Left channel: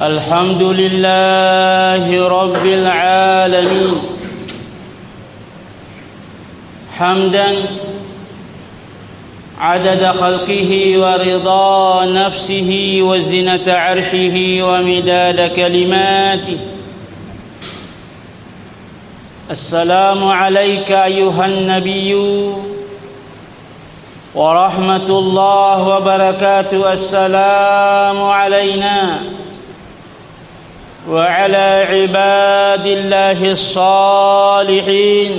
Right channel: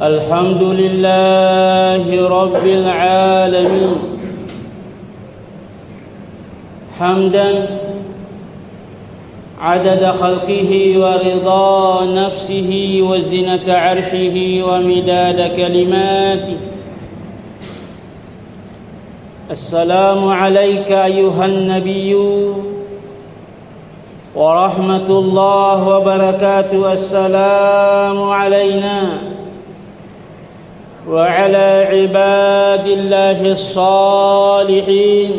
الحمد لله رب العالمين حمدا عدد خلقه ورضا نفسه وزنة عرشه ومداد كلماته. السلام عليك أيها النبي ورحمة الله وبركاته. السلام علينا وعلى عباد الله الصالحين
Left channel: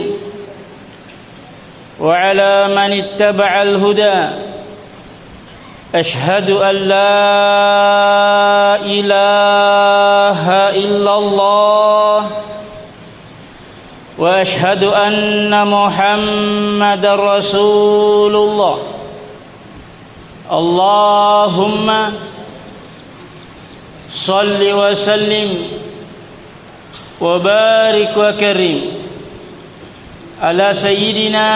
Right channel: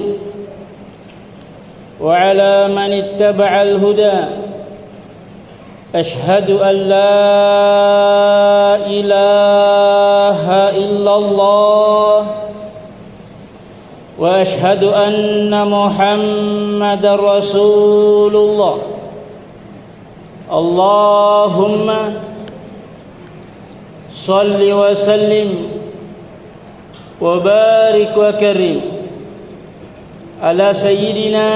وعلى من اتبع الهدى. أشهد أن لا إله إلا الله وأشهد أن محمد رسول الله. اللهم صل وسلم وبارك وكرم على سيدنا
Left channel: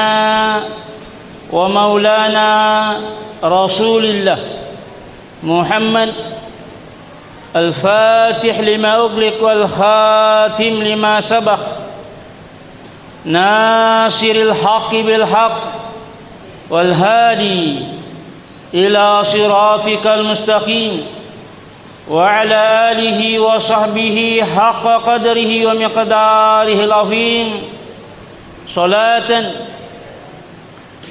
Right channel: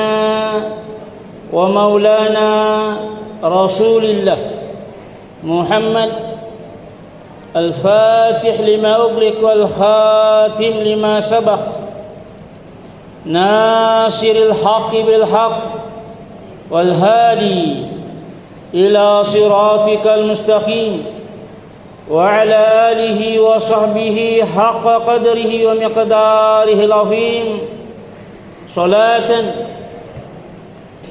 ومولانا رسول الله محمد الفاتح لما أغلق والخاتم لما سبق ناصر الحق بالحق والهادي إلى صراطك المستقيم وعلى آله وصحبه حق قدره ومقداره العظيم. صلاة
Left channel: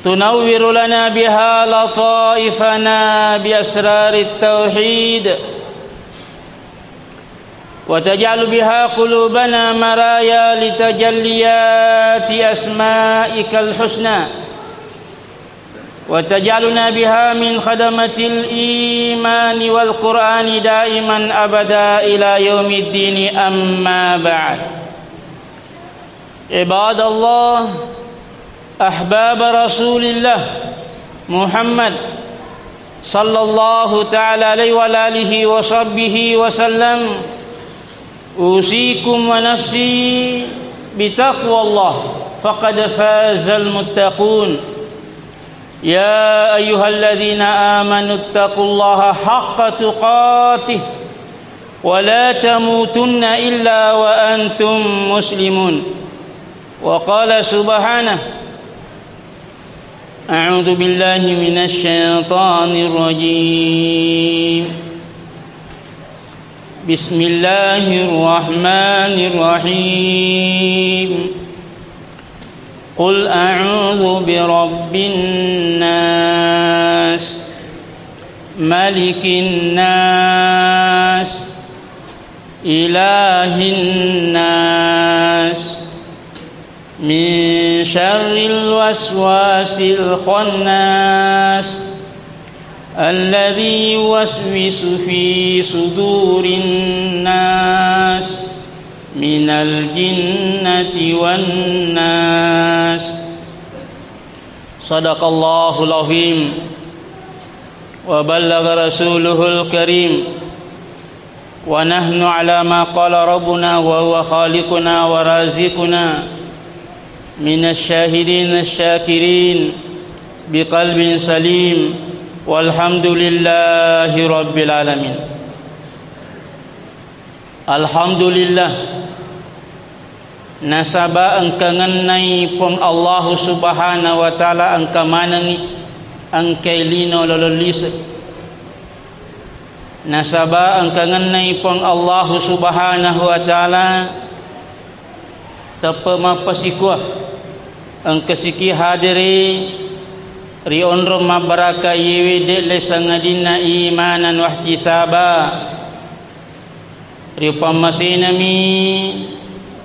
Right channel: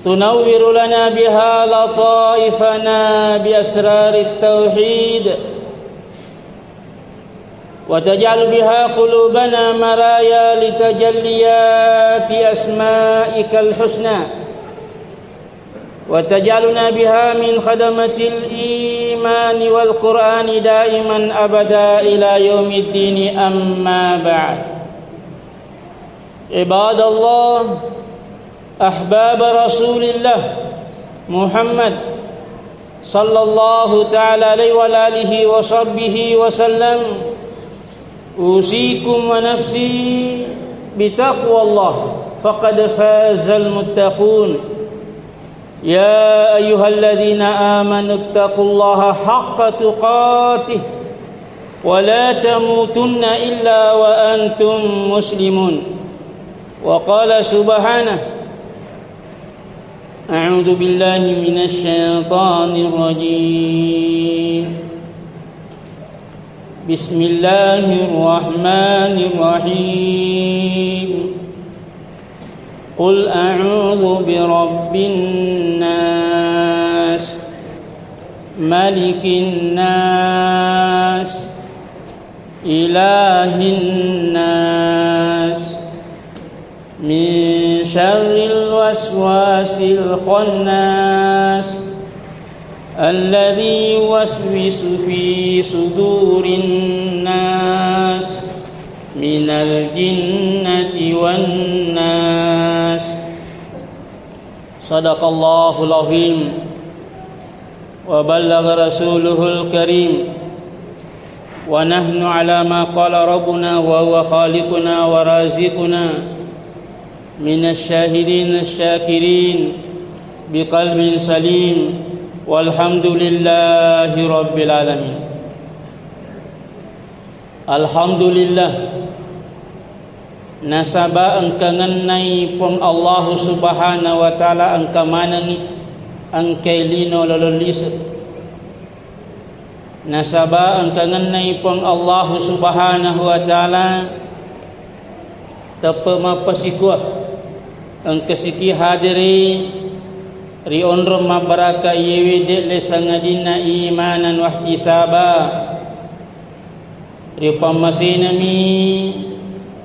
تنور لنا بها لطائفنا بأسرار التوحيد وتجعل بها قلوبنا مرايا لتجليات أسمائك الحسنى وتجعلنا بها من خدمة الإيمان والقرآن دائما أبدا إلى يوم الدين. أما بعد، عباد الله، أحباب رسول الله محمد صلى الله تعالى عليه وعلى آله وصحبه وسلم، أوصيكم ونفسي بتقوى الله فقد فاز المتقون يا أيها الذين آمنوا اتقوا الله حق تقاته ولا تموتن إلا وأنتم مسلمون وقال سبحانه أعوذ بالله من الشيطان الرجيم بسم الله الرحمن الرحيم قل أعوذ برب الناس ملك الناس إله الناس من شر الوسواس الخناس الذي يوسوس في صدور الناس من الجنة والناس صدق الله العظيم وبلغ رسوله الكريم ونحن على ما قال ربنا وهو خالقنا ورازقنا من الشاهدين الشاكرين بقلب سليم والحمد لله رب العالمين. Alhamdulillah nasaba angkangan nai pong Allah subhanahu wa ta'ala angka manangi angkay lino lololis. Nasaba angkangan nai pong Allah subhanahu wa ta'ala tapa mapasikwa ang kasiki hadiri rion rumah baraka yewe de lesangadina imanan wahtisaba riupamasina-mi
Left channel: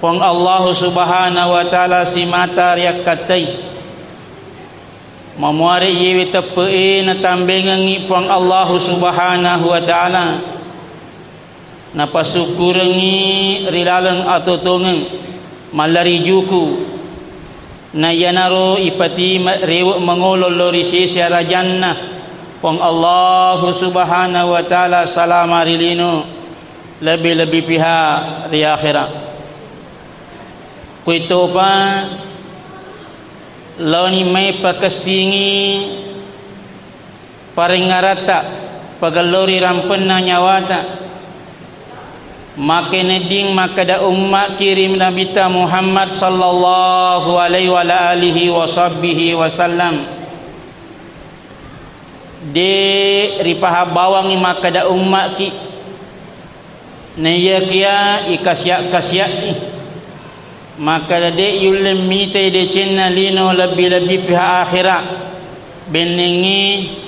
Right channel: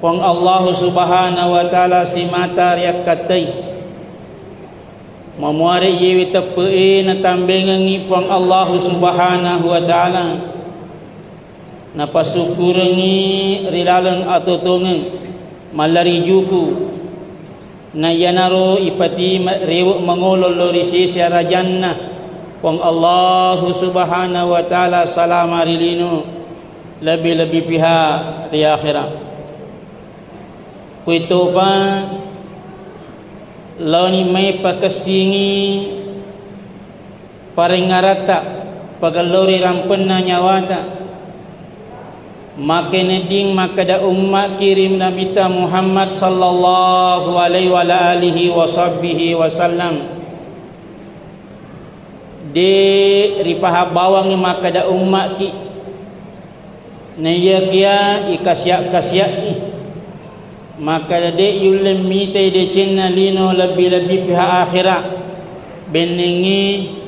pong Allah subhanahu wa ta'ala si mata riak katay mamuari yewe tapae na tambengangi pong Allah subhanahu wa ta'ala napasukurangi rilalang atutungang malarijuku na yanaro ipati riwak mangulol risisya rajanna pong Allah subhanahu wa ta'ala salama rilino lebih-lebih pihak di akhirat. Kuito pa launi may pakasingi paringarata pagalori rampen na nyawata makineding makada umma kirim Nabi Muhammad sallallahu alaihi wa alihi wa sahbihi wasallam de ripah bawang makada umma ki nayakia ikasya maka de yulem mite de cinna lino lebih-lebih pihak akhirat benengi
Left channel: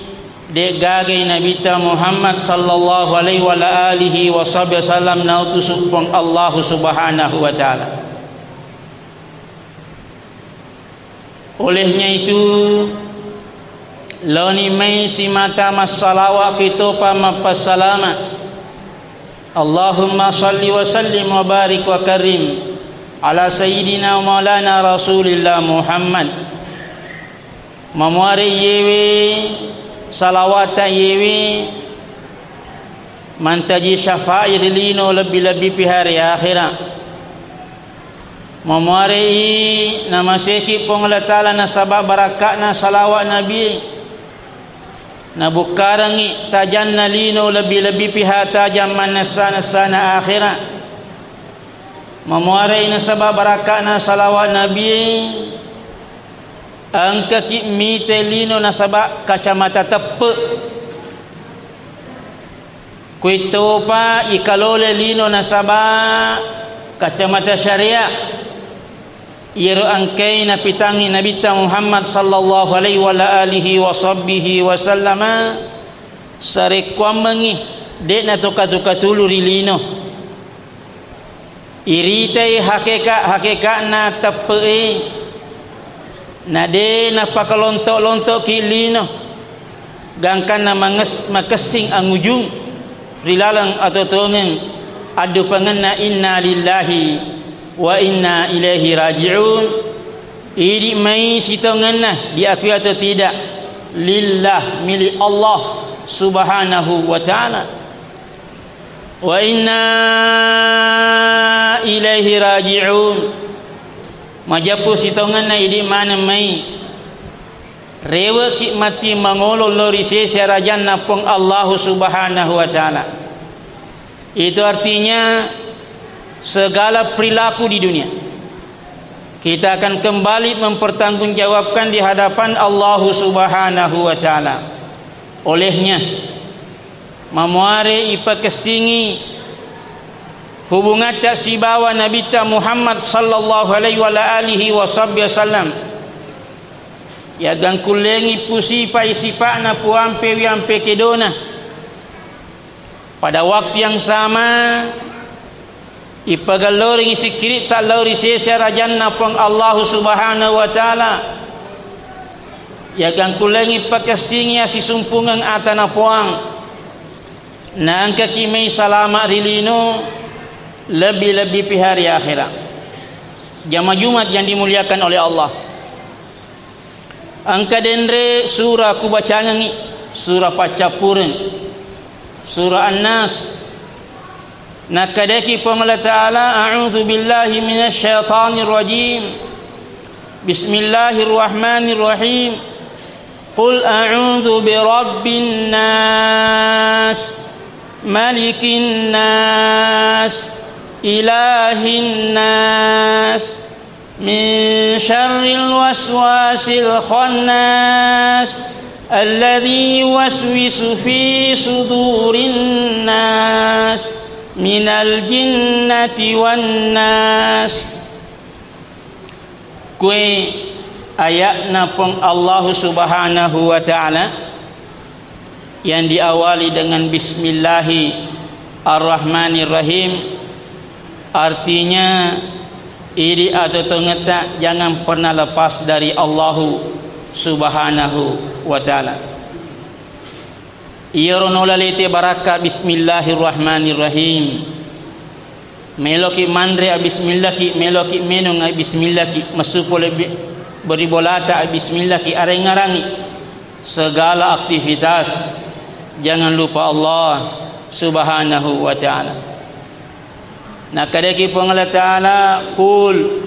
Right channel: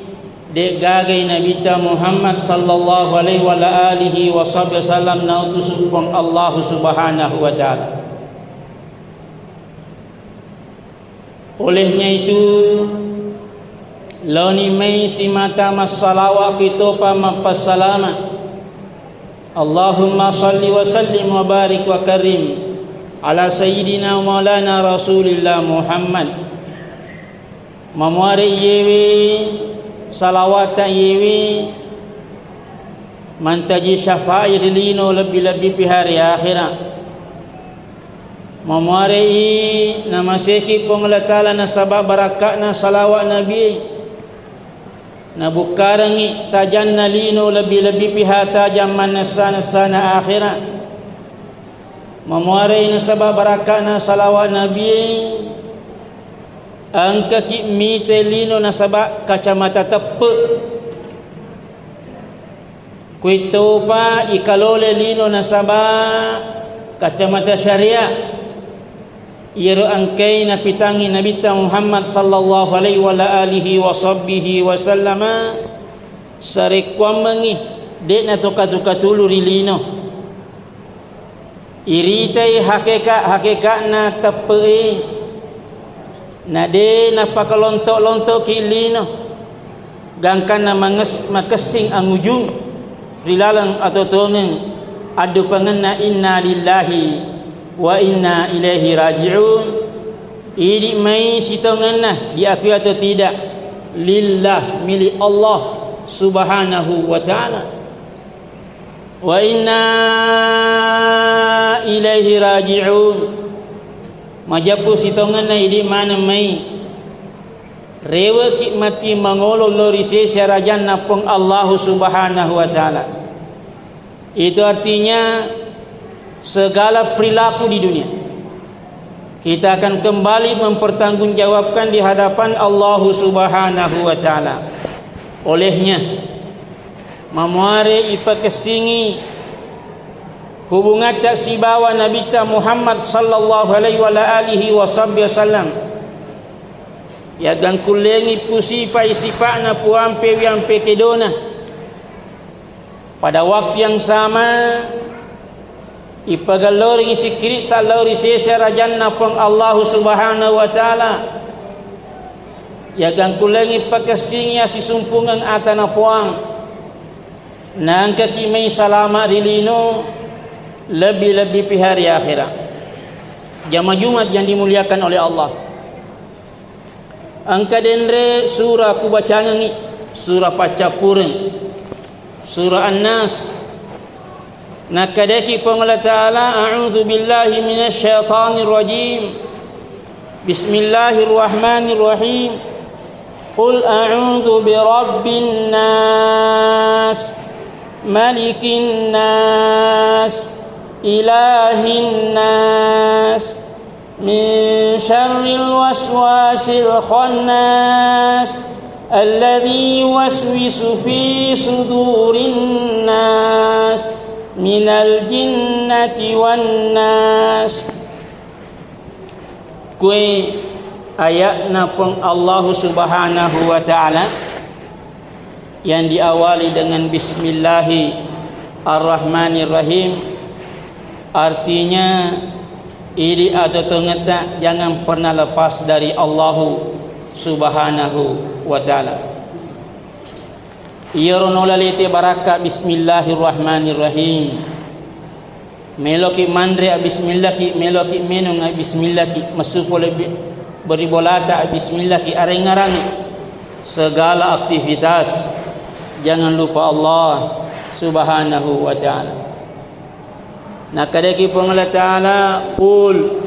de gagai Nabi Muhammad sallallahu alaihi wa alihi wasallam nautusupun Allah subhanahu wa ta'ala. Olehnya itu launi mai si mata masalawat itu pa mapasalamat Allahumma salli wa sallim wa barik wa karim ala sayyidina wa maulana rasulillah Muhammad mamuari yewe salawat yewe mantaji syafa'i lino lebih-lebih pihari akhirat mamuari nama seki pong Allah Ta'ala na sabab barakat na salawat nabi na bukarangi tajan na lino lebih-lebih pihak tajam manasa-nasana akhirat mamuari na sabab barakat na salawat nabi ang kakimite lino na sabak kacamata tepe kuito pa ikalole lino na sabak kacamata syariah iro angkay na pitangi Nabi Muhammad sallallahu alaihi wa alihi wa sahbihi wasallama sarikwamangi de na tukatulu rilino iritai hakikat na tepe na de na pakalontok-lontok kilino gangkan na makasing ang ujung rilalang atau tongen adu panganna inna lillahi wa inna ilaihi raji'un idi mai sitonganna diakui atau tidak lillah milik Allah subhanahu wa ta'ala wa inna ilaihi raji'un majapu sitongan na idi mana mai rewa ki mati mangolo lori sesya rajan napong Allah Subhanahu wa taala. Itu artinya segala perilaku di dunia kita akan kembali mempertanggungjawabkan di hadapan Allah Subhanahu wa taala. Olehnya mamuare ipa kesingi hubungan tak si bawa Nabi ta Muhammad sallallahu alaihi wa alihi wasallam ya dan kulengi pusi pa isipa na puampe wiampe kedona. Pada waktu yang sama ipagalori sikiri talori sesya rajan napong Allah Subhanahu wa taala ya gan kulengi pakasingi si sumpungan atana puang nangka kimai salama rilino lebih-lebih pi hari akhirat. Jamaah Jumat yang dimuliakan oleh Allah. Angka dendre surah ku bacanya ni surah pacapureng surah An-Nas. Nakadeki pemala ta'ala a'udzu billahi minasy syaithanir rajim. Bismillahirrahmanirrahim. Qul a'udzu birabbin nas malikin nas ilahin nas min syarril waswasil khannas alladzi yuwaswisu fi sudurin nas minal jinnati wan nas. Kue ayat napong Allah Subhanahu wa taala yang diawali dengan Bismillahirrahmanirrahim, artinya iri atau tengeta jangan pernah lepas dari Allah Subhanahu wa taala. Iyarunulalite baraka Bismillahirrahmanirrahim. Meloki mandre bismillaki meloki menung bismillaki masuko lebih beribolata bismillaki areng-arangi segala aktivitas jangan lupa Allah Subhanahu wa taala. Nakadaki pong Allah taala qul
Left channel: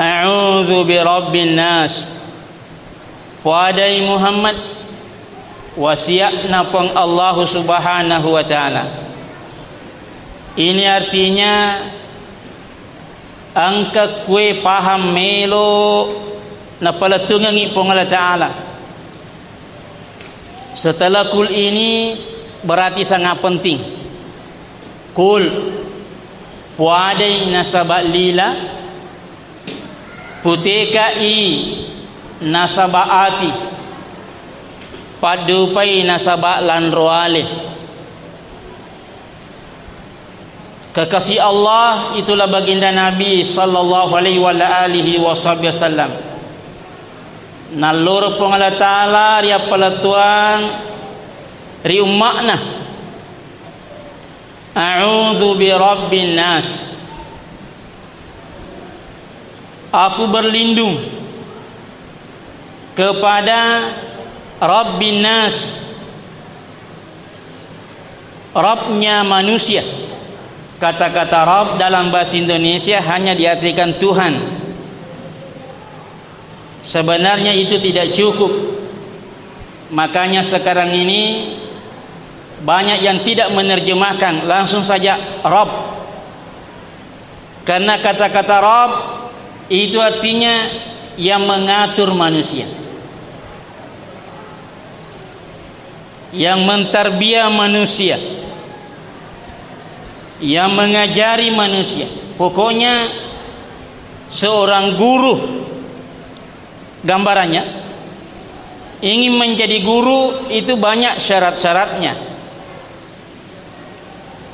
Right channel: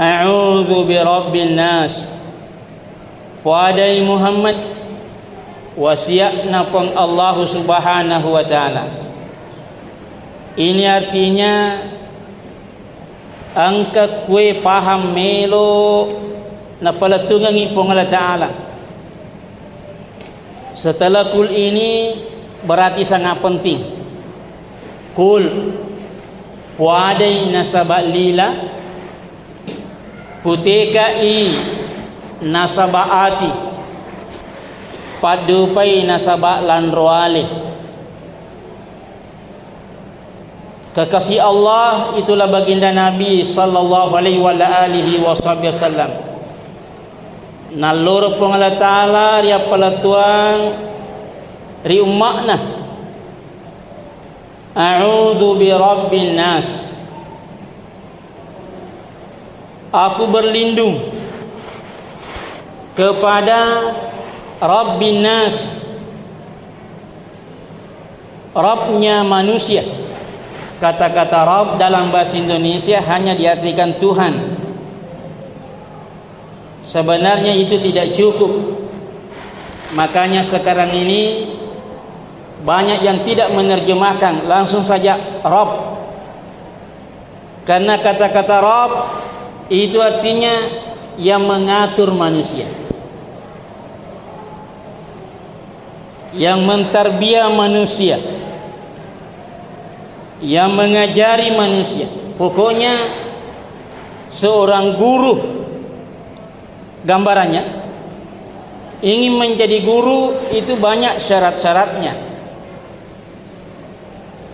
a'udzu birabbin nas. Wadai Muhammad wasiat napong Allah Subhanahu wa taala. Ini artinya angka kue paham melo na palatungan ipong Allah taala. Setelah kul ini berarti sangat penting. Kul wadai nasabak lila puteka i nasabaati padupai nasabak lanroale. Kekasih Allah itulah baginda Nabi sallallahu alaihi wa alihi wasallam. Nalur pong Allah taala ria pelatuang ri umakna a'udzu birabbin nas. Aku berlindung kepada Rabbin nas, Rabbnya manusia. Kata-kata Rabb dalam bahasa Indonesia hanya diartikan Tuhan. Sebenarnya itu tidak cukup. Makanya sekarang ini banyak yang tidak menerjemahkan langsung saja Rabb. Karena kata-kata Rabb itu artinya yang mengatur manusia, yang mentarbiah manusia, yang mengajari manusia. Pokoknya seorang guru, gambarannya ingin menjadi guru itu banyak syarat-syaratnya.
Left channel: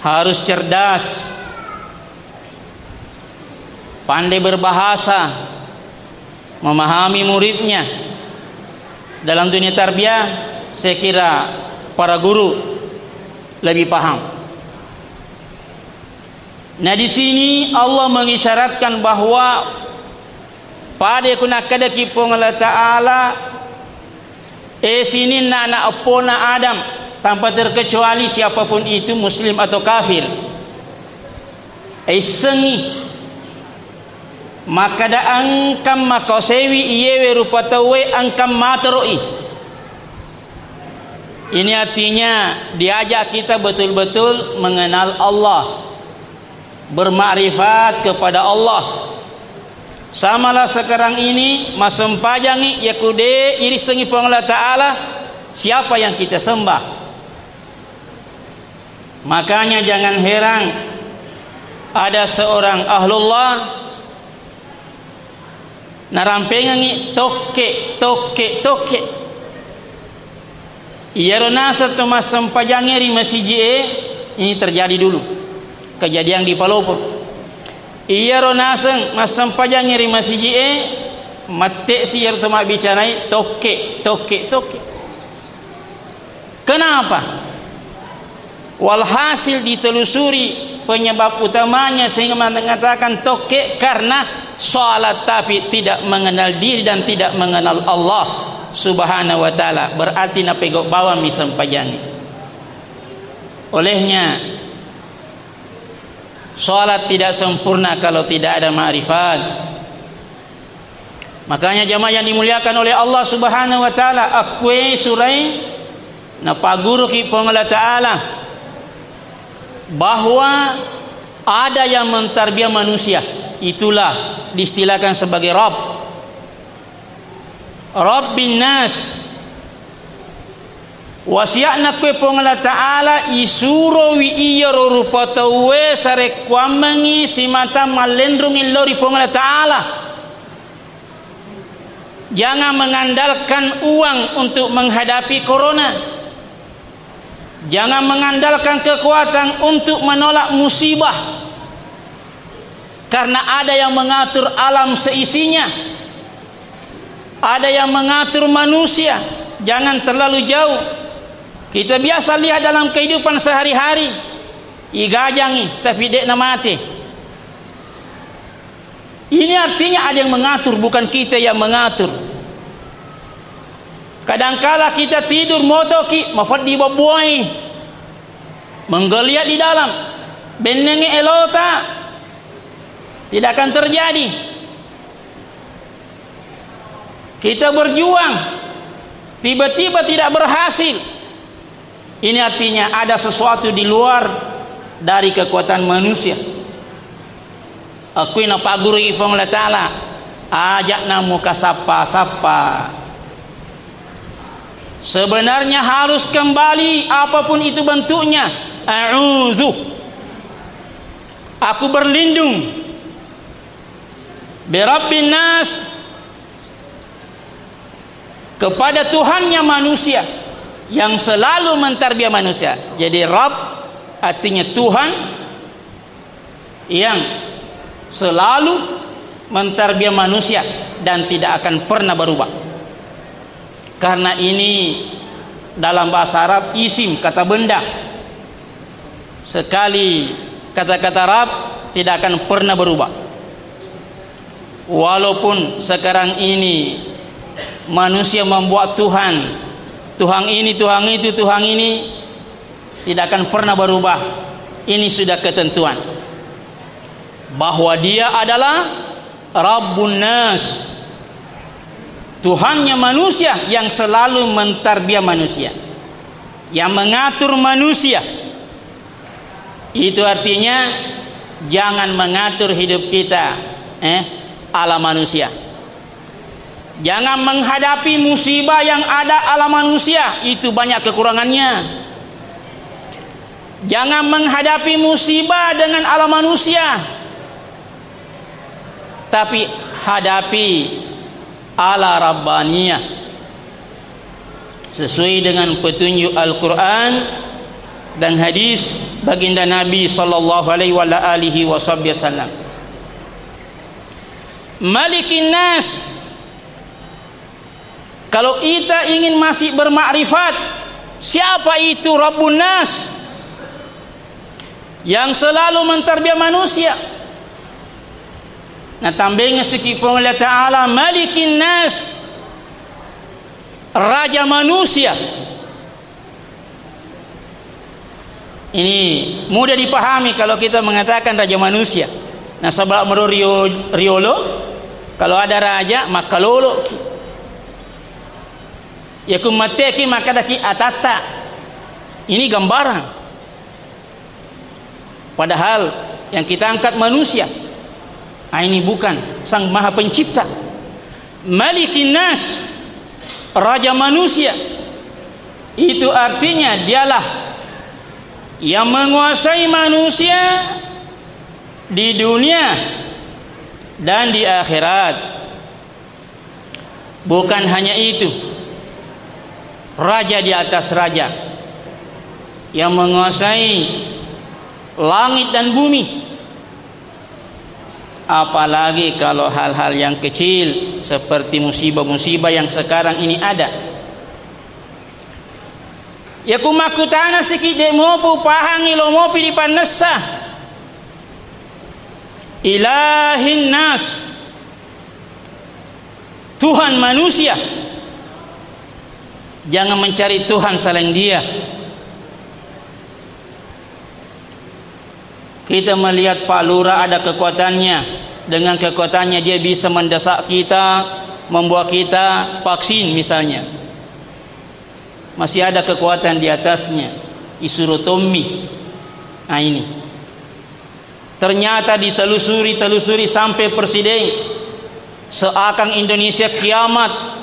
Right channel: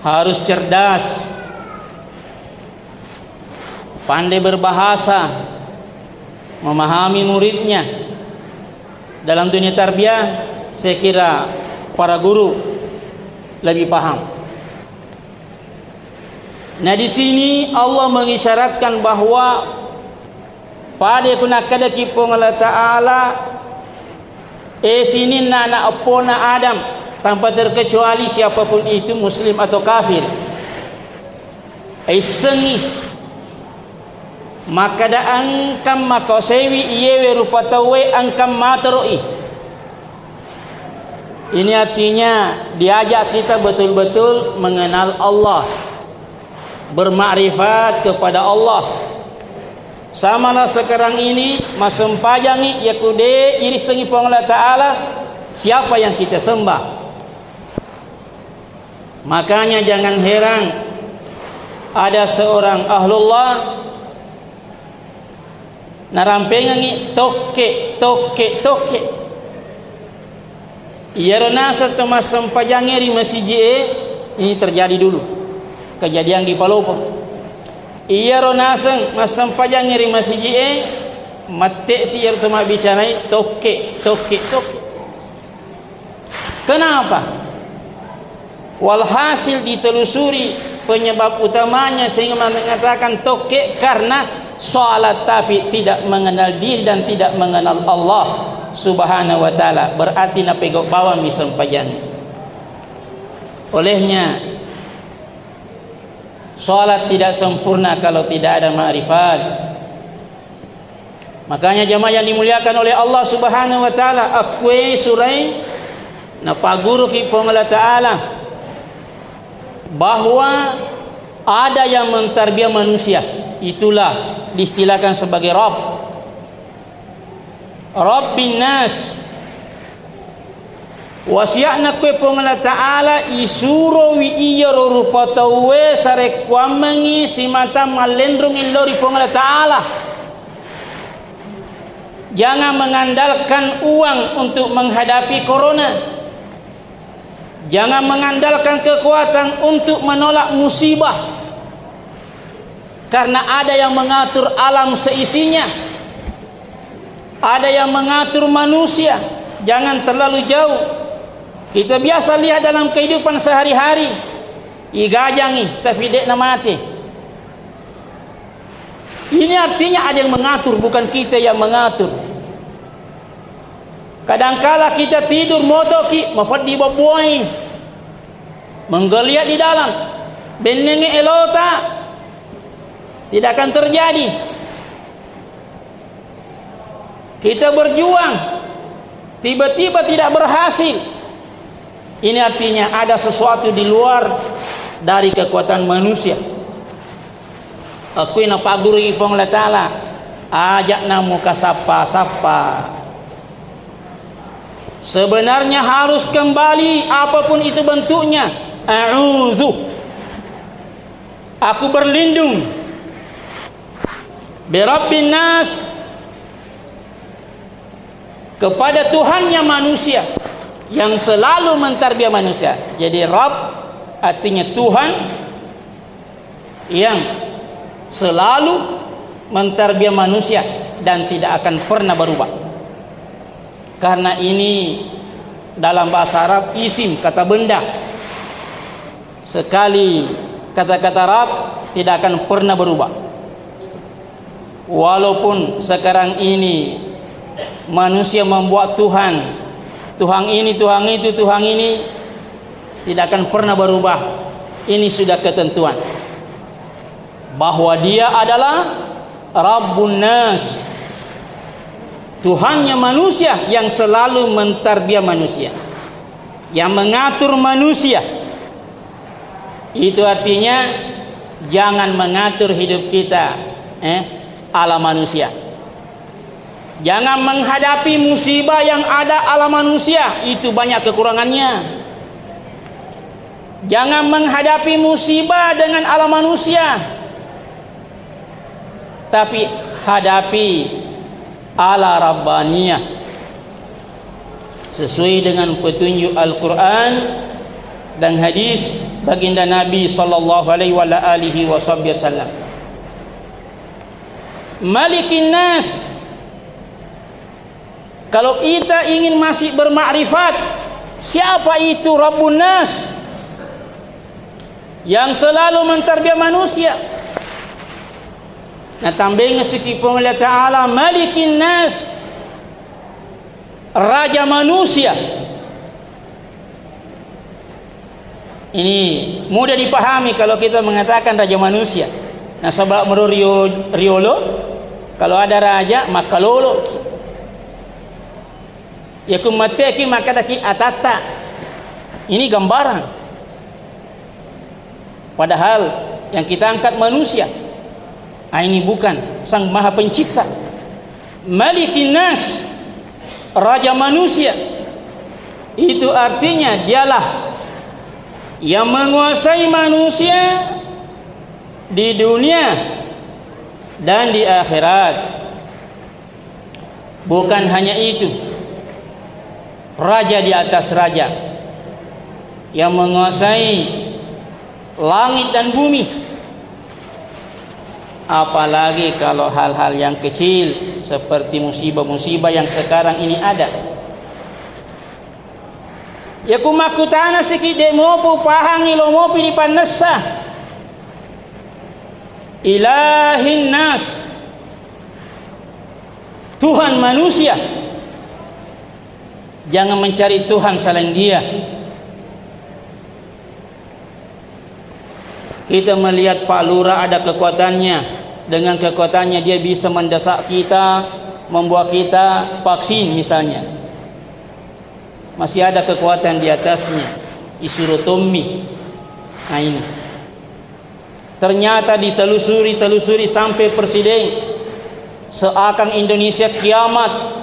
Harus cerdas, pandai berbahasa, memahami muridnya. Dalam dunia tarbiyah saya kira para guru lebih paham. Nah di sini Allah mengisyaratkan bahwa pada kuna kada kipong Allah taala sini anak apona Adam tanpa terkecuali siapapun itu muslim atau kafir. Sengi maka da angkam makosewi iyewe rupatawe angkam materoi. Ini artinya diajak kita betul-betul mengenal Allah, bermakrifat kepada Allah. Samalah sekarang ini masempajangi yakude iri sengi Allah Ta'ala, siapa yang kita sembah. Makanya jangan heran ada seorang ahlullah narampengangi toke. Ia ronasa temas sempajangi ri masjid ini terjadi dulu kejadian di Palopo. Ia ronasen masam pajang ngiri masjid mate si yer tuma bicanai toke. Kenapa? Walhasil ditelusuri penyebab utamanya sehingga mengatakan toke karena salat tapi tidak mengenal diri dan tidak mengenal Allah Subhanahu wa taala. Berarti na pegok bawa misam pajang. Olehnya salat tidak sempurna kalau tidak ada ma'rifat. Makanya jemaah yang dimuliakan oleh Allah Subhanahu wa taala, akwe surai na paguru ki Allah Taala bahwa ada yang mentarbiah manusia, itulah diistilahkan sebagai Rabbin nas. Wasiakna pe Allah Ta'ala isurowi iya rupatawe sarek wamangi simata malendrung illori Allah Ta'ala. Jangan mengandalkan uang untuk menghadapi corona. Jangan mengandalkan kekuatan untuk menolak musibah. Karena ada yang mengatur alam seisinya. Ada yang mengatur manusia. Jangan terlalu jauh. Kita biasa lihat dalam kehidupan sehari-hari, igajangi tapi dek na mati. Ini artinya ada yang mengatur, bukan kita yang mengatur. Kadangkala kita tidur motoki mafad di babuai, menggeliat di dalam, benengi elota, tidak akan terjadi. Kita berjuang, tiba-tiba tidak berhasil. Ini artinya ada sesuatu di luar dari kekuatan manusia. Aku ina paguri Allah Ta'ala ajak namu kasapa. Sebenarnya harus kembali apapun itu bentuknya. A'udzu, aku berlindung birabbin nas, kepada Tuhannya manusia yang selalu mentarbiah manusia. Jadi Rabb artinya Tuhan yang selalu mentarbiah manusia dan tidak akan pernah berubah. Karena ini dalam bahasa Arab isim, kata benda. Sekali kata-kata Rabb tidak akan pernah berubah. Walaupun sekarang ini manusia membuat Tuhan ini, Tuhan itu, Tuhan ini, tidak akan pernah berubah. Ini sudah ketentuan bahwa dia adalah Rabbun nas, Tuhannya manusia yang selalu mentarbiah manusia, yang mengatur manusia. Itu artinya jangan mengatur hidup kita ala manusia. Jangan menghadapi musibah yang ada ala manusia, itu banyak kekurangannya. Jangan menghadapi musibah dengan ala manusia, tapi hadapi ala Rabbaniyah sesuai dengan petunjuk Al-Quran dan hadis baginda Nabi sallallahu alaihi wasallam. Malikin nas. Kalau kita ingin masih bermakrifat, siapa itu Rabbun nas? Yang selalu mentarbiah manusia. Nah, tambahnya sekipun Allah Ta'ala Malikin nas, Raja manusia. Ini mudah dipahami kalau kita mengatakan Raja manusia. Nah, sebab menurut Riolo Kalau ada raja maka lolo ya kumateki maka daki atata. Ini gambaran. Padahal yang kita angkat manusia. Ini bukan sang maha pencipta. Malikin nas, raja manusia. Itu artinya dialah yang menguasai manusia di dunia dan di akhirat. Bukan hanya itu, raja di atas raja yang menguasai langit dan bumi. Apalagi kalau hal-hal yang kecil seperti musibah-musibah yang sekarang ini ada. Ya kumakutana sikit demopu pahangi lomopi di panessa. Ilahin nas, Tuhan manusia. Jangan mencari Tuhan selain Dia. Kita melihat Pak Lurah ada kekuatannya. Dengan kekuatannya dia bisa mendesak kita, membuat kita vaksin misalnya. Masih ada kekuatan di atasnya. Disuruh Tommy. Nah ini. Ternyata ditelusuri sampai presiden. Seakan Indonesia kiamat.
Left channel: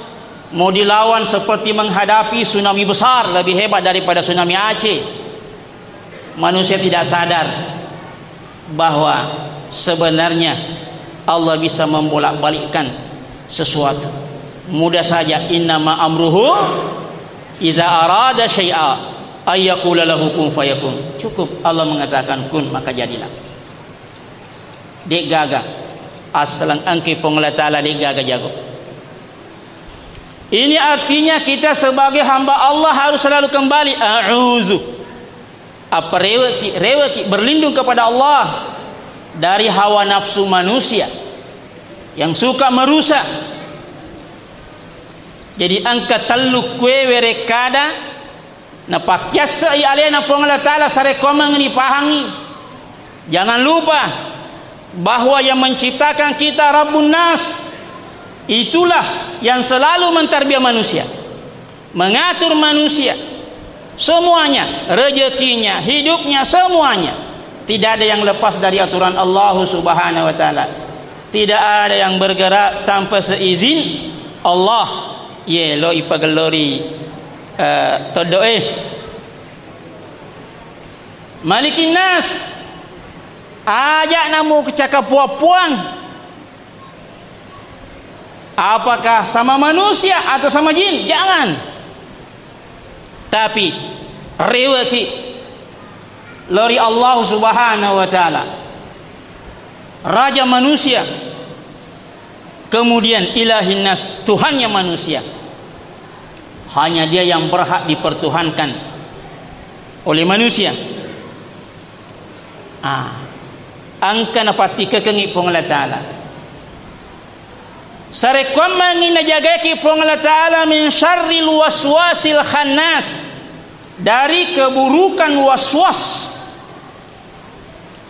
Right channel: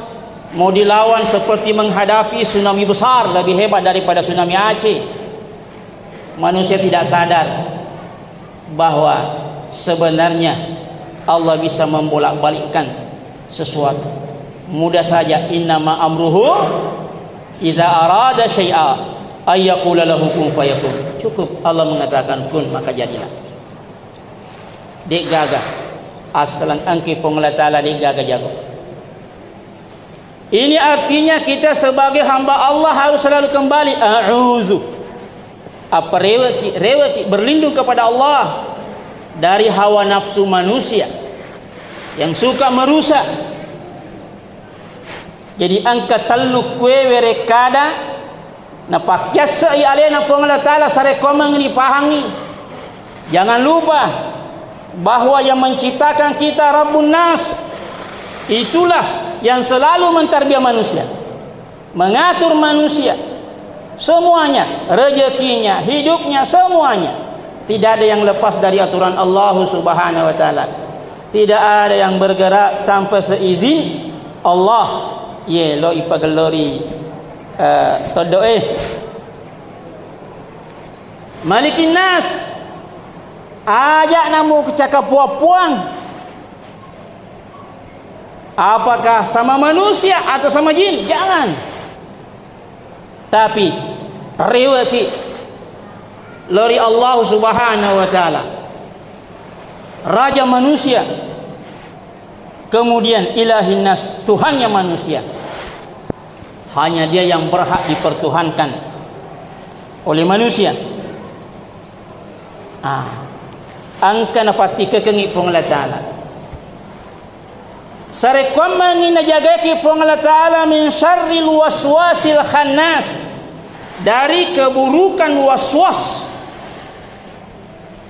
Mau dilawan seperti menghadapi tsunami besar. Lebih hebat daripada tsunami Aceh. Manusia tidak sadar bahwa sebenarnya Allah bisa membolak-balikkan sesuatu. Mudah saja, innama amruhu idza arada syai'a ay yaqula lahu kun fayakun. Cukup Allah mengatakan kun maka jadilah. Dek gagah asalan angki pengelola taala dek gagah jago. Ini artinya kita sebagai hamba Allah harus selalu kembali a'udzu. Apa rewati berlindung kepada Allah dari hawa nafsu manusia yang suka merusak. Jadi angka taluk kue werekada napak yasa alena pengelola taala sarekomang ini pahangi. Jangan lupa bahwa yang menciptakan kita Rabbun Nas, itulah yang selalu mentarbiyah manusia, mengatur manusia semuanya, rezekinya, hidupnya, semuanya. Tidak ada yang lepas dari aturan Allah Subhanahu wa taala. Tidak ada yang bergerak tanpa seizin Allah. Ye lo ipagelori todoe. Malikin nas. Ajak namu kecakap puang. Apakah sama manusia atau sama jin? Jangan. Tapi rewaki lori Allah Subhanahu wa taala, raja manusia, kemudian ilahin nas, Tuhannya manusia. Hanya Dia yang berhak dipertuhankan oleh manusia. Angka napati kekengi pengelola taala. Sarekom mangina jagaki pengelola taala min syarril waswasil khannas, dari keburukan waswas.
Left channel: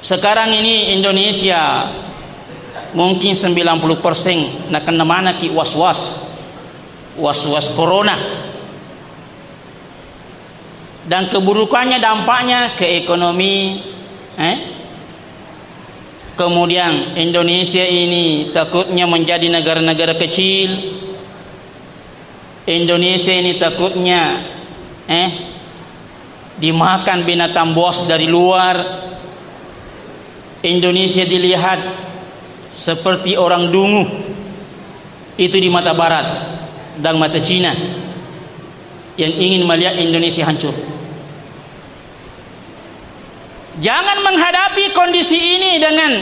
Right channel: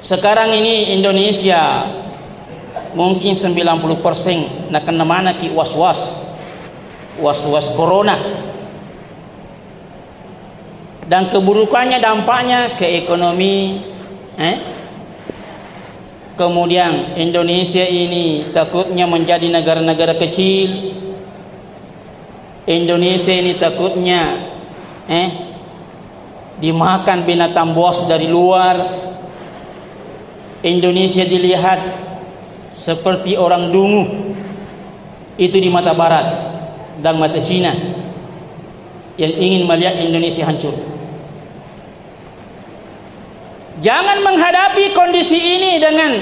Sekarang ini Indonesia mungkin 90% nak kena mana ki waswas corona. Dan keburukannya dampaknya ke ekonomi. Kemudian Indonesia ini takutnya menjadi negara-negara kecil. Indonesia ini takutnya dimakan binatang buas dari luar. Indonesia dilihat seperti orang dungu. Itu di mata barat dan mata Cina yang ingin melihat Indonesia hancur. Jangan menghadapi kondisi ini dengan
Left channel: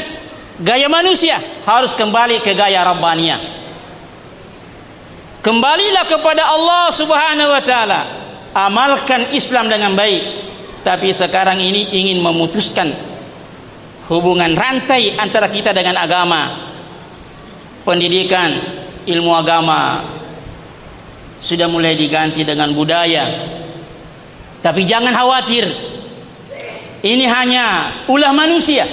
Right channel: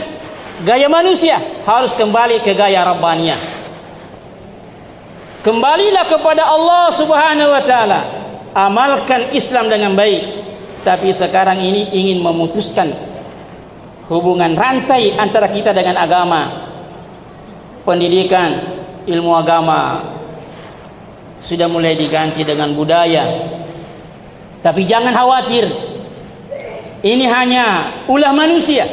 gaya manusia, harus kembali ke gaya Rabbaniyah. Kembalilah kepada Allah Subhanahu wa taala. Amalkan Islam dengan baik. Tapi sekarang ini ingin memutuskan hubungan rantai antara kita dengan agama. Pendidikan, ilmu agama sudah mulai diganti dengan budaya. Tapi jangan khawatir, ini hanya ulah manusia.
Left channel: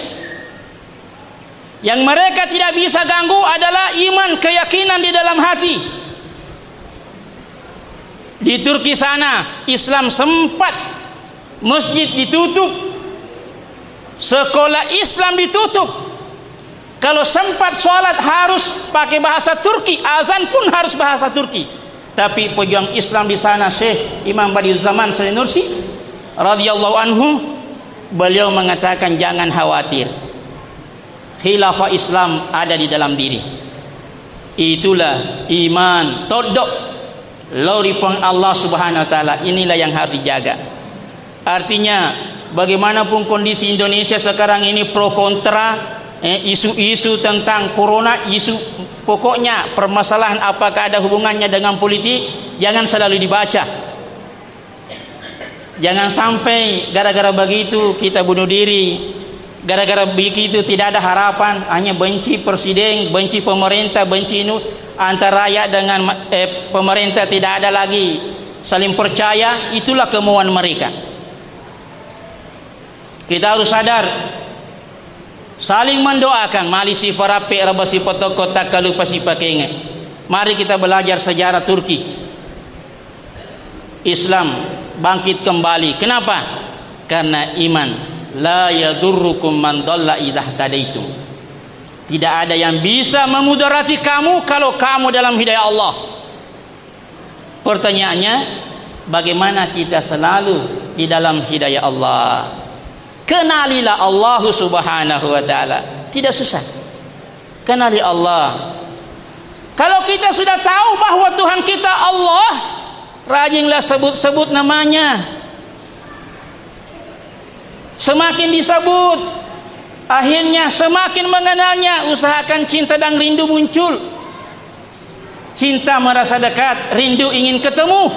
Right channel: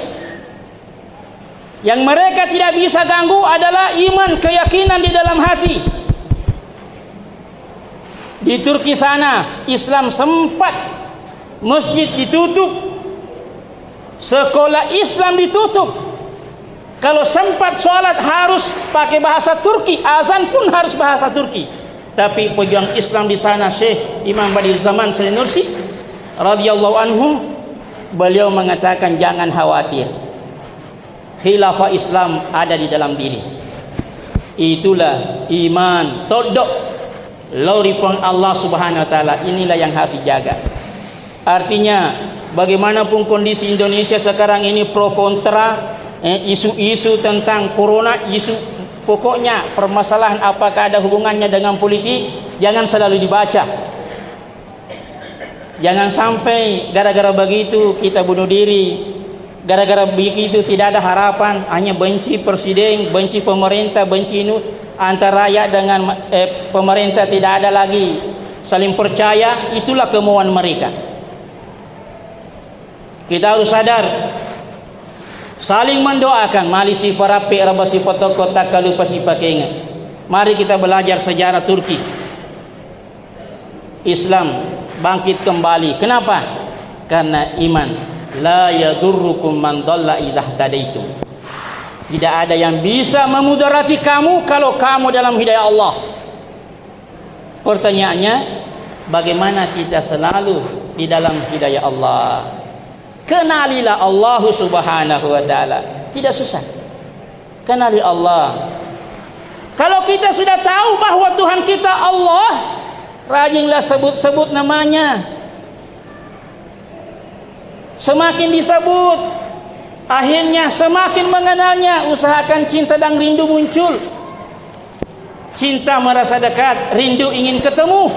Yang mereka tidak bisa ganggu adalah iman, keyakinan di dalam hati. Di Turki sana Islam sempat masjid ditutup, sekolah Islam ditutup. Kalau sempat sholat harus pakai bahasa Turki, azan pun harus bahasa Turki. Tapi pejuang Islam di sana, Syekh Imam Badiuzzamani Sanusi radhiyallahu anhu, beliau mengatakan jangan khawatir, khilafah Islam ada di dalam diri. Itulah iman todok loripun Allah Subhanahu wa taala. Inilah yang harus dijaga. Artinya bagaimanapun kondisi Indonesia sekarang ini pro kontra, isu-isu tentang corona, isu pokoknya permasalahan apakah ada hubungannya dengan politik, jangan selalu dibaca. Jangan sampai gara-gara begitu kita bunuh diri. Gara-gara begitu tidak ada harapan, hanya benci presiden, benci pemerintah, benci antara rakyat dengan pemerintah, tidak ada lagi saling percaya. Itulah kemauan mereka. Kita harus sadar, saling mendoakan. Mali si parape raba si potoko tak kalupa si pakenge. Mari kita belajar sejarah Turki. Islam bangkit kembali. Kenapa? Karena iman. La yadurrukum man dhalla idza tadaitum. Tidak ada yang bisa memudarati kamu kalau kamu dalam hidayah Allah. Pertanyaannya, bagaimana kita selalu di dalam hidayah Allah? Kenalilah Allah Subhanahu wa taala. Tidak susah. Kenali Allah. Kalau kita sudah tahu bahwa Tuhan kita Allah, rajinlah sebut-sebut namanya. Semakin disebut, akhirnya semakin mengenalnya. Usahakan cinta dan rindu muncul. Cinta merasa dekat, rindu ingin ketemu.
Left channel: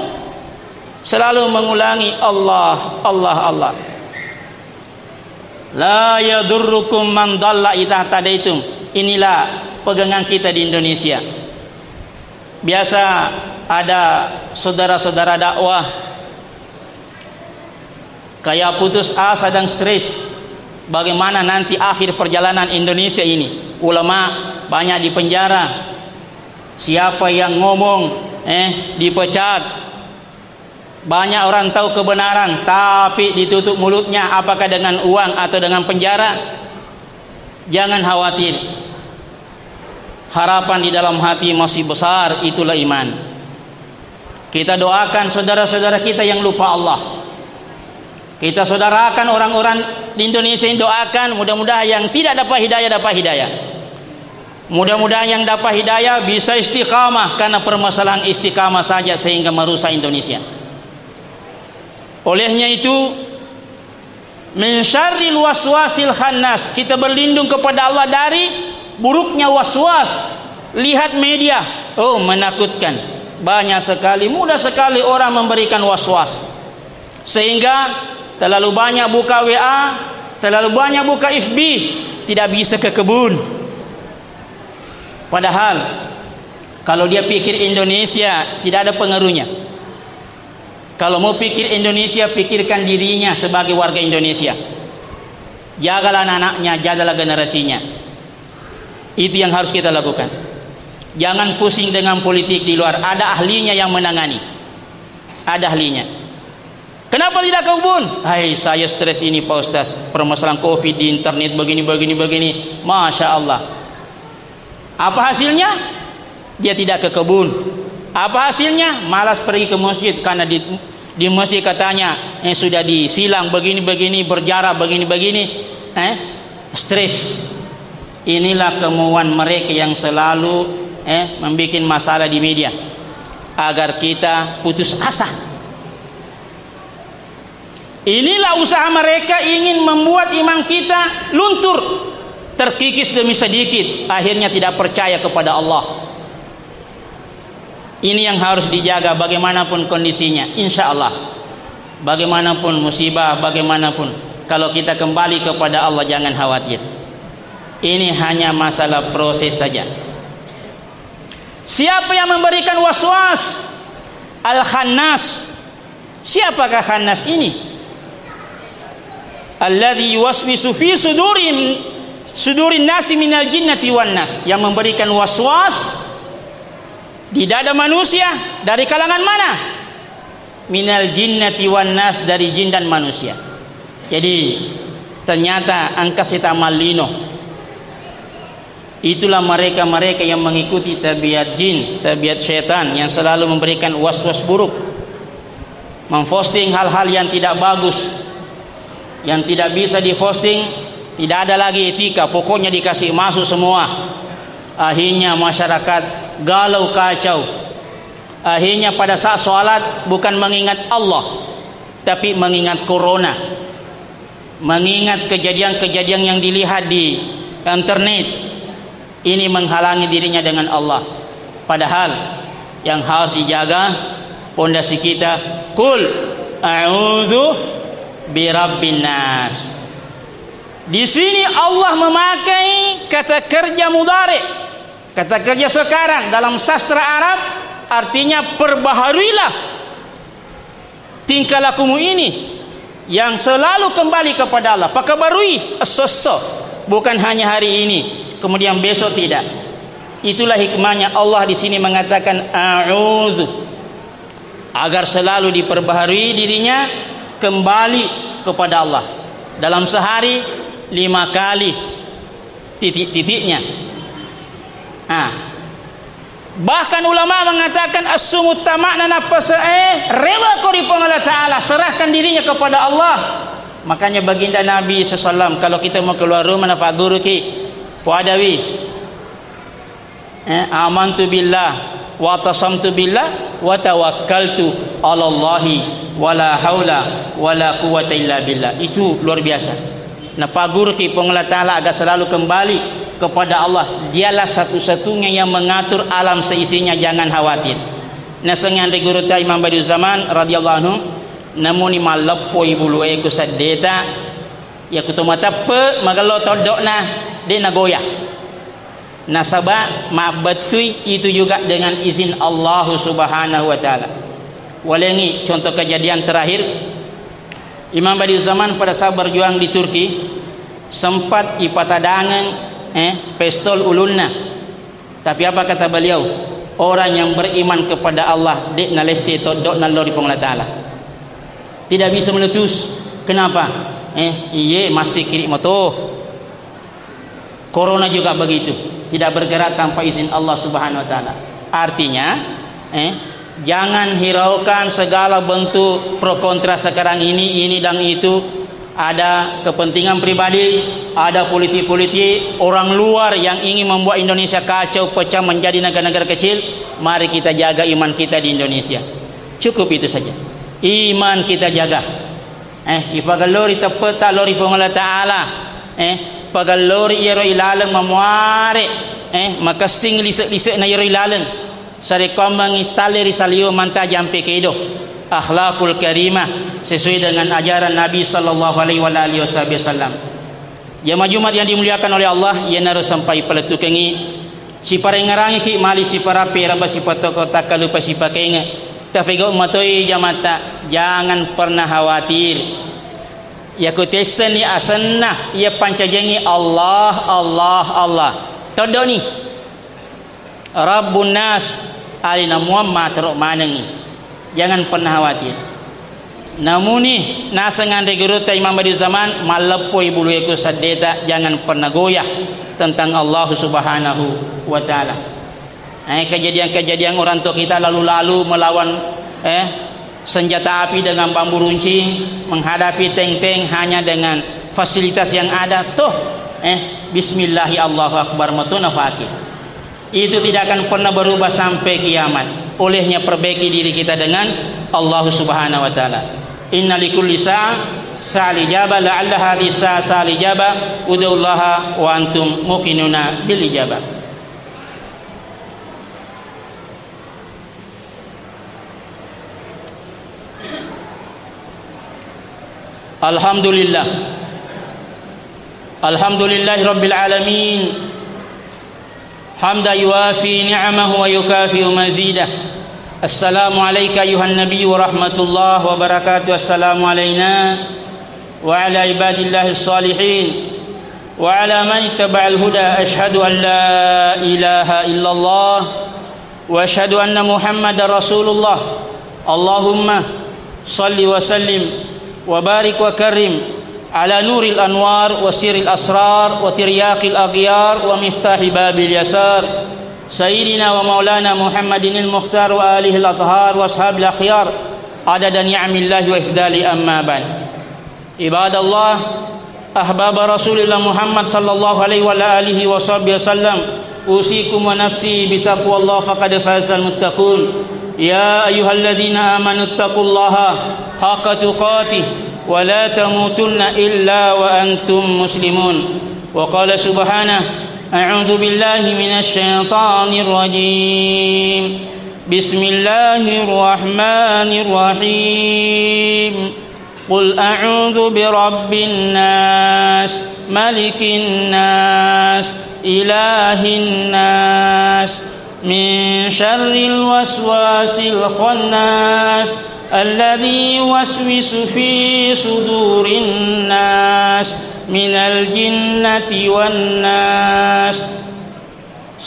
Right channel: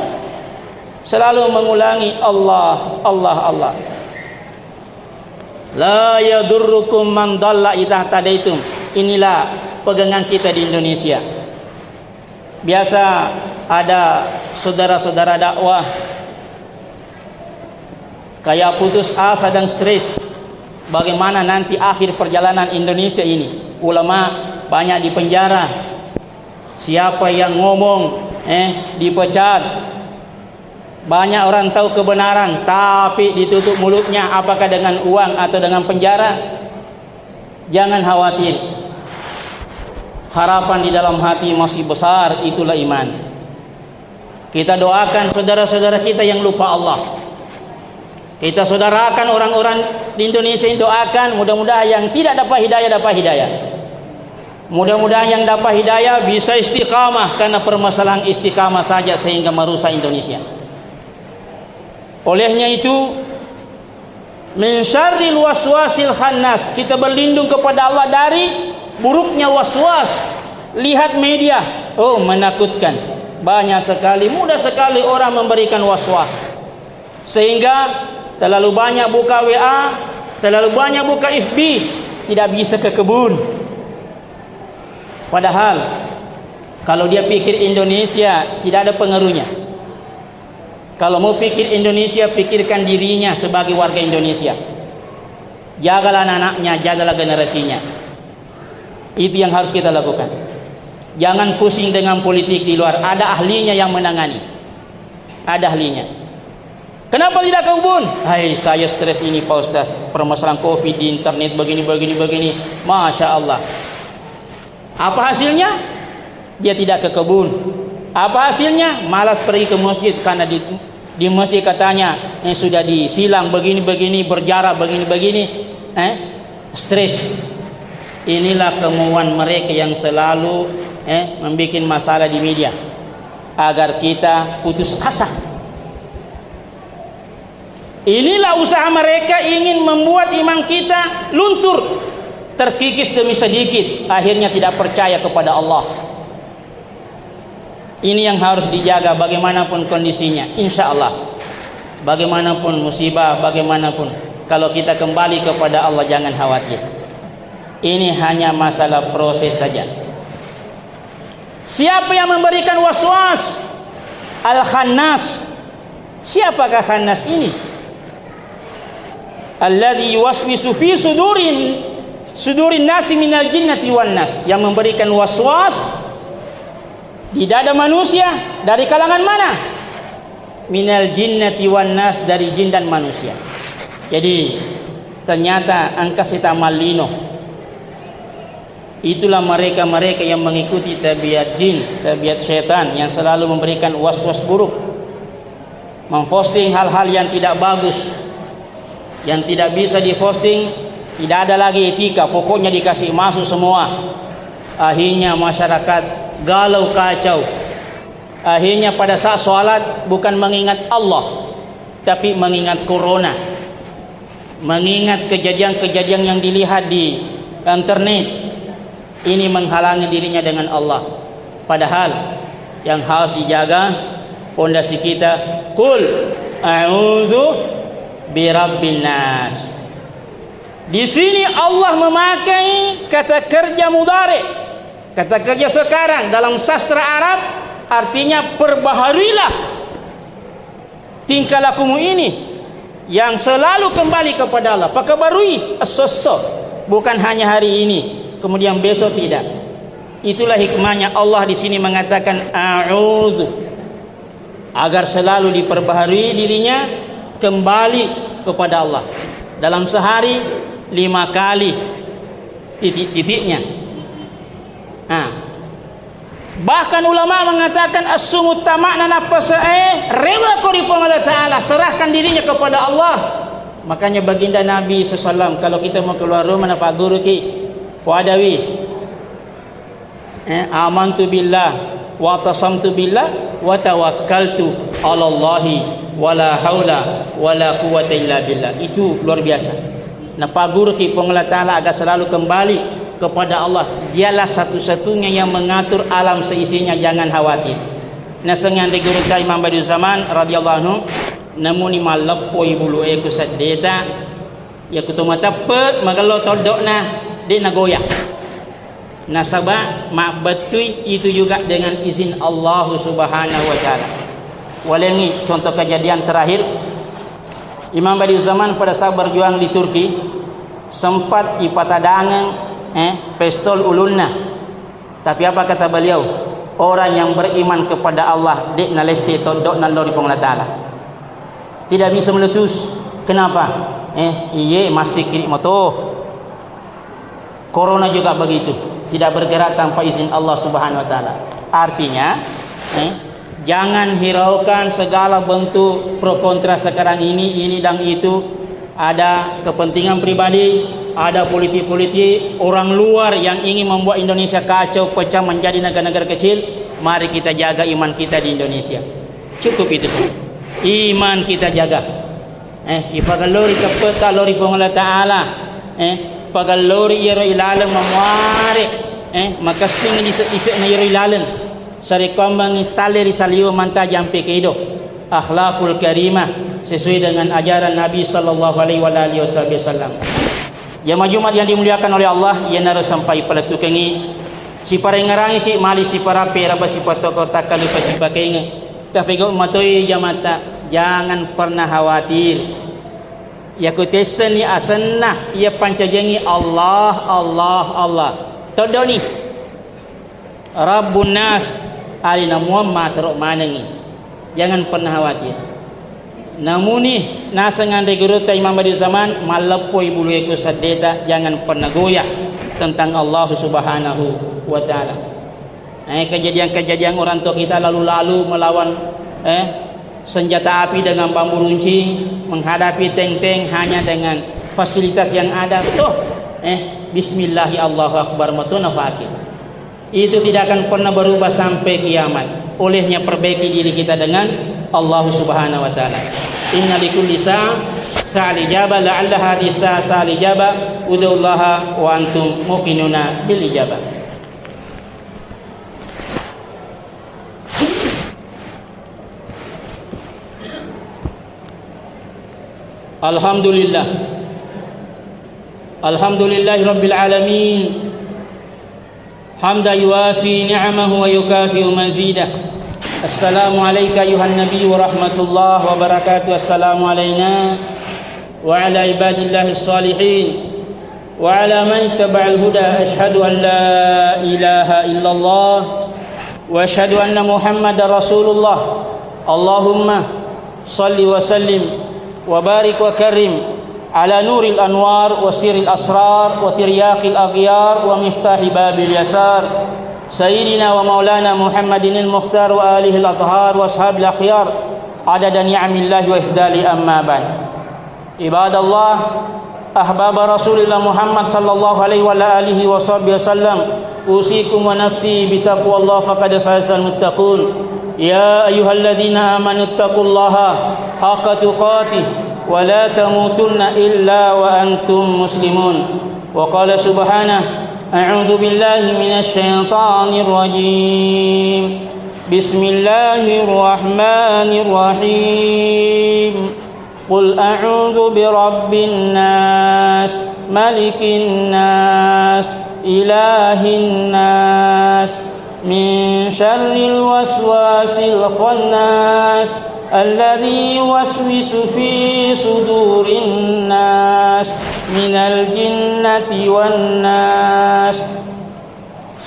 Selalu mengulangi Allah, Allah, Allah. La yadurrukum man dhalla idza tadaitum. Inilah pegangan kita di Indonesia. Biasa ada saudara-saudara dakwah kayak putus asa dan stres. Bagaimana nanti akhir perjalanan Indonesia ini? Ulama banyak di penjara. Siapa yang ngomong dipecat. Banyak orang tahu kebenaran tapi ditutup mulutnya, apakah dengan uang atau dengan penjara. Jangan khawatir. Harapan di dalam hati masih besar, itulah iman. Kita doakan saudara-saudara kita yang lupa Allah. Kita saudarakan orang-orang di Indonesia yang doakan, mudah-mudahan yang tidak dapat hidayah. Mudah-mudahan yang dapat hidayah bisa istiqamah, karena permasalahan istiqamah saja sehingga merusak Indonesia. Olehnya itu, min syarril waswasil khannas, kita berlindung kepada Allah dari buruknya waswas. Lihat media, oh menakutkan. Banyak sekali, mudah sekali orang memberikan waswas. Sehingga terlalu banyak buka WA, terlalu banyak buka FB, tidak bisa ke kebun. Padahal kalau dia pikir Indonesia tidak ada pengaruhnya. Kalau mau pikir Indonesia, pikirkan dirinya sebagai warga Indonesia. Jagalah anak-anaknya, jagalah generasinya. Itu yang harus kita lakukan. Jangan pusing dengan politik di luar. Ada ahlinya yang menangani. Ada ahlinya. Kenapa tidak ke kebun? Hai, saya stres ini Pak Ustaz. Permasalahan COVID di internet begini. Masya Allah. Apa hasilnya? Dia tidak ke kebun. Apa hasilnya? Malas pergi ke masjid karena di masjid katanya sudah disilang begini, berjarak begini. Stres. Inilah kemauan mereka yang selalu membuat masalah di media agar kita putus asa. Inilah usaha mereka ingin membuat iman kita luntur, terkikis demi sedikit, akhirnya tidak percaya kepada Allah. Ini yang harus dijaga bagaimanapun kondisinya. Insya Allah, bagaimanapun musibah, bagaimanapun, kalau kita kembali kepada Allah jangan khawatir. Ini hanya masalah proses saja. Siapa yang memberikan waswas? Al-Khannas. Siapakah Khannas ini? Alladzi yuwaswisu fi sudurihim sudurin nasi minal jinnati wan nas, yang memberikan waswas di dada manusia dari kalangan mana? Minal jinnati wan nas, dari jin dan manusia. Jadi ternyata angka sitamal lino, itulah mereka-mereka yang mengikuti tabiat jin, tabiat syaitan yang selalu memberikan waswas buruk, memposting hal-hal yang tidak bagus, yang tidak bisa diposting. Tidak ada lagi etika, pokoknya dikasih masuk semua. Akhirnya masyarakat galau kacau. Akhirnya pada saat sholat bukan mengingat Allah, tapi mengingat corona, mengingat kejadian-kejadian yang dilihat di internet. Ini menghalangi dirinya dengan Allah. Padahal yang harus dijaga pondasi kita, Qul a'udzu birabbin nas. Di sini Allah memakai kata kerja mudhari, kata kerja sekarang dalam sastra Arab, artinya perbaharuilah tingkah lakumu ini yang selalu kembali kepada Allah. Perbaharui as-sassa, bukan hanya hari ini kemudian besok, tidak. Itulah hikmahnya Allah di sini mengatakan a'udzu, agar selalu diperbaharui dirinya kembali kepada Allah. Dalam sehari 5 kali titik-titiknya. Bahkan ulama mengatakan as-sumut tamakna nafsa rela kori Allah Ta'ala, serahkan dirinya kepada Allah. Makanya baginda Nabi SAW kalau kita mau keluar rumah nafak guru ki wadawi amantu billah wa tasamtu billah wa tawakkaltu ala Allahi wala haula wala quwwata illa billah. Itu luar biasa. Nah, pagur ki pengelola Ta'ala agar selalu kembali kepada Allah. Dialah satu-satunya yang mengatur alam seisinya, jangan khawatir. Nah, sengan de guru ta Imam Badiul Zaman radhiyallahu anhu, namun malappo ibulu eko sadeta ya kutuma tapet magalo todokna de nagoya. Nasabah mak betui itu juga dengan izin Allah Subhanahu wa taala. Walengi contoh kejadian terakhir, Imam Badiul Zaman pada saat berjuang di Turki sempat ipatadangan pistol ulunna. Tapi apa kata beliau? Orang yang beriman kepada Allah dek nalese todok nalori pengelola Ta'ala tidak bisa meletus. Kenapa? Iye masih kiri moto. Corona juga begitu, tidak bergerak tanpa izin Allah Subhanahu wa taala. Artinya jangan hiraukan segala bentuk pro kontra sekarang ini dan itu. Ada kepentingan pribadi, ada politik-politik orang luar yang ingin membuat Indonesia kacau pecah menjadi negara-negara kecil. Mari kita jaga iman kita di Indonesia. Cukup itu saja. Iman kita jaga. Ipagalori tapeta lori pengelola Ta'ala. Pagalori iro ilalan memuari. Maka sing isek na iro ilalan. Sarikau mengitali risalio manta jampi keido. Akhlakul karimah sesuai dengan ajaran Nabi sallallahu alaihi wasallam. Jamaah yang dimuliakan oleh Allah, ia harus sampai pada tukangi si parengarangi ki mali si parape raba si patoko takalu pa si pakenga. Tafigo matoi jamata, jangan pernah khawatir. Ya kutesani asanna ia pancajengi Allah Allah Allah. Todoni Rabbun nas alina Muhammad manangi. Jangan pernah khawatir. Namun ni nasangan de guru ta Imam Badiul Zaman malapoi bulu eko sadeta, jangan pernah goyah tentang Allah Subhanahu wa taala. Kejadian-kejadian orang tua kita lalu-lalu melawan senjata api dengan bambu runcing, menghadapi tank-tank hanya dengan fasilitas yang ada. Bismillahi Allahu Akbar matuna fakir. Itu tidak akan pernah berubah sampai kiamat. Olehnya perbaiki diri kita dengan Allah Subhanahu wa taala. Inna likulli sa'al ijabah la'alla hadhihi sa'al ijabah ud'ullaha wa antum muqinuna bil ijabah. Alhamdulillah. Alhamdulillahi rabbil alamin. حمدا يوافي نعمه ويكافئ مزيده. السلام عليك أيها النبي ورحمة الله وبركاته. السلام علينا وعلى عباد الله الصالحين وعلى من اتبع الهدى أشهد أن لا إله إلا الله وأشهد أن محمد رسول الله اللهم صل وسلم وبارك وكرم على نور الأنوار وسر الأسرار وترياق الأغيار ومفتاح باب اليسار سيدنا ومولانا محمد المختار وآله الأطهار وأصحاب الأخيار عدد نعم الله وإفضاله أما بعد عباد الله أحباب رسول الله محمد صلى الله عليه وعلى آله وصحبه وسلم أوصيكم ونفسي بتقوى الله فقد فاز المتقون يا أيها الذين آمنوا اتقوا الله حق تقاته ولا تموتن إلا وأنتم مسلمون وقال سبحانه أعوذ بالله من الشيطان الرجيم بسم الله الرحمن الرحيم قل أعوذ برب الناس ملك الناس إله الناس من شر الوسواس الخناس الذي يوسوس في صدور الناس من الجنة والناس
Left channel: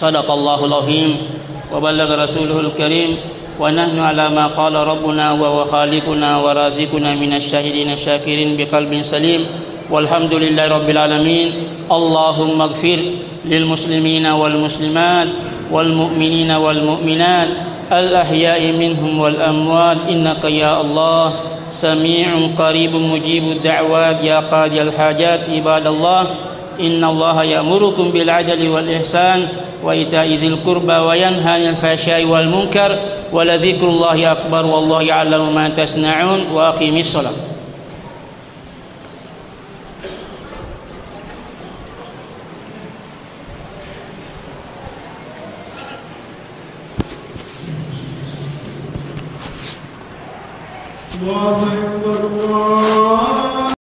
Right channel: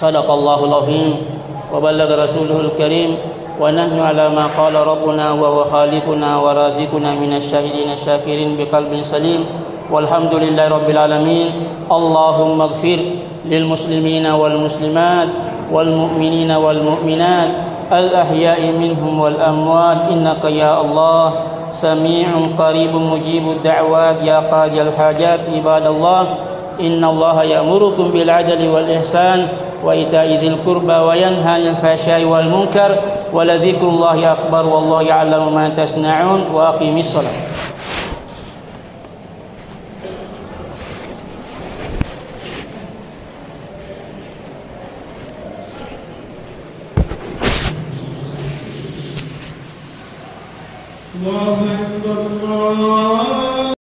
صدق الله العظيم وبلغ رسوله الكريم ونحن على ما قال ربنا وهو خالقنا ورازقنا من الشاهدين الشاكرين بقلب سليم والحمد لله رب العالمين اللهم اغفر للمسلمين والمسلمات والمؤمنين والمؤمنات الأحياء منهم والأموات إنك يا الله سميع قريب مجيب الدعوات يا قاضي الحاجات عباد الله إن الله يأمركم بالعدل والإحسان وإيتاء ذي القربى وينهى عن الفحشاء والمنكر ولذكر الله أكبر والله يعلم ما تصنعون وأقيم الصلاة الله أكبر الله